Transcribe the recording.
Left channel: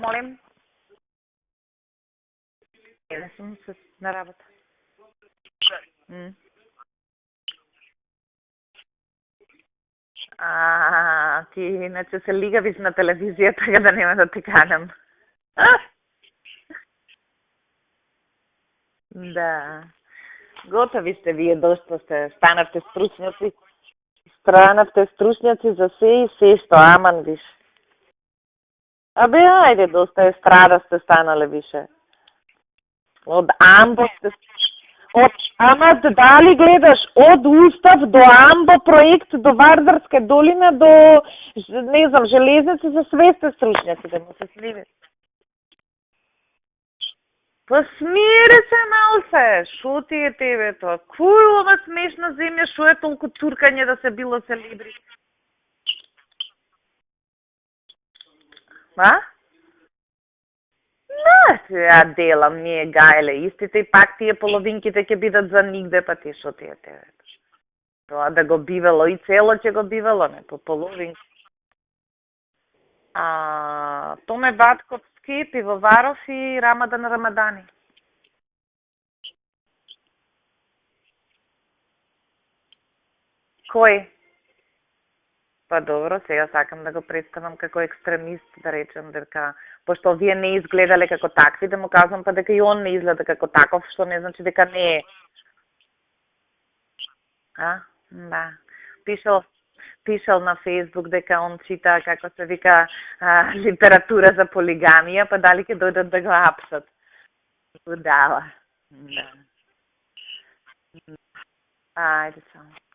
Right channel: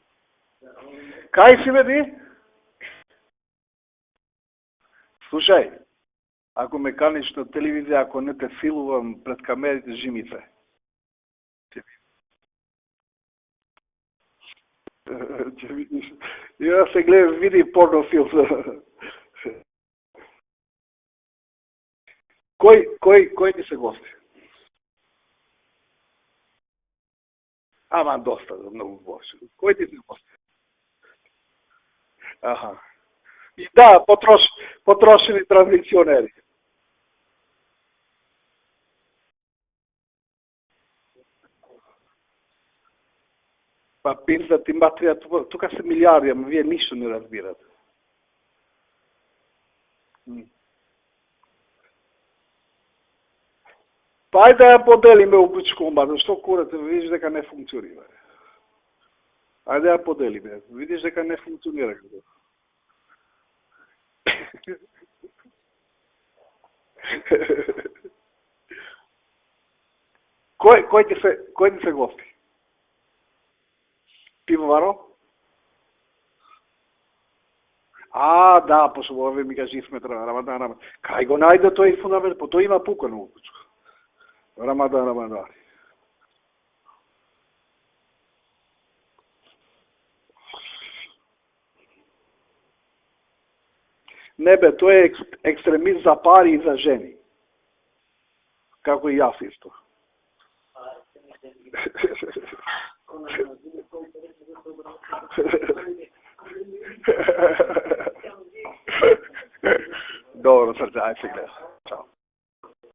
Молим? Кај си бе ти? Не сум на работа. Слушај, ако ме каниш на телевизија, ако не те филувам пред камерите, жимите. Ти иначе се лигавиш на телевизија, така да нема да те канам. Ја се гледам, види порнофилм. Да. Готови сте вие, доста сте. Станавте стручњаци. Кој ти се гости? Станавте стручњаци за се и се што, аман виш. Аман доста, многу бо. Абе, ајде, доста естрада сте станале више. Аха. Од Да, потрошени Ама традиционе. дали гледаш од Устав до Амбо проект, до Вардарска долина, до, не знам, железници, за све сте стручњаци. Па пизда ти материја, тука се милиарди, ама вие ништо не разбирате. Па смири се, Малсе, шо ти е тебе тоа? Кој ова смешна земја, шо е толку цуркање да се било... Ајде да ја поделиме обичкомба, што курате, видиш дека не функционира. А? Ајде ја поделиме, видиш дека не функционира. Ја делам, ние гајле, истите и пак тие половинките ќе бидат за нигде, па ти шо ти е тебе? Тоа да го бивало и цело ќе го бивало, не? Кој ти се гости? Томе Васковски, Пивоваров и Рамадан Рамадани. Да, пошто овие ми кажи сме Рамадан. Кај го најде тој фундамент, по тој има пукано. Кој? Рамадан. Па добро, сега сакам да го представам како екстремист, да речем, дека пошто вие не изгледале како такви, да му кажам па дека и он не изгледа како таков, што не значи дека не е. Не бе, тој е екстремист за пари и за жени. Да. Како и јас исто. Пишал на Фейсбук дека он чита, како се вика, литература за полигамија, па дали ќе дојдат да го апсат. Дава. Добро, срце, ајде се гледа. Ајде, чао.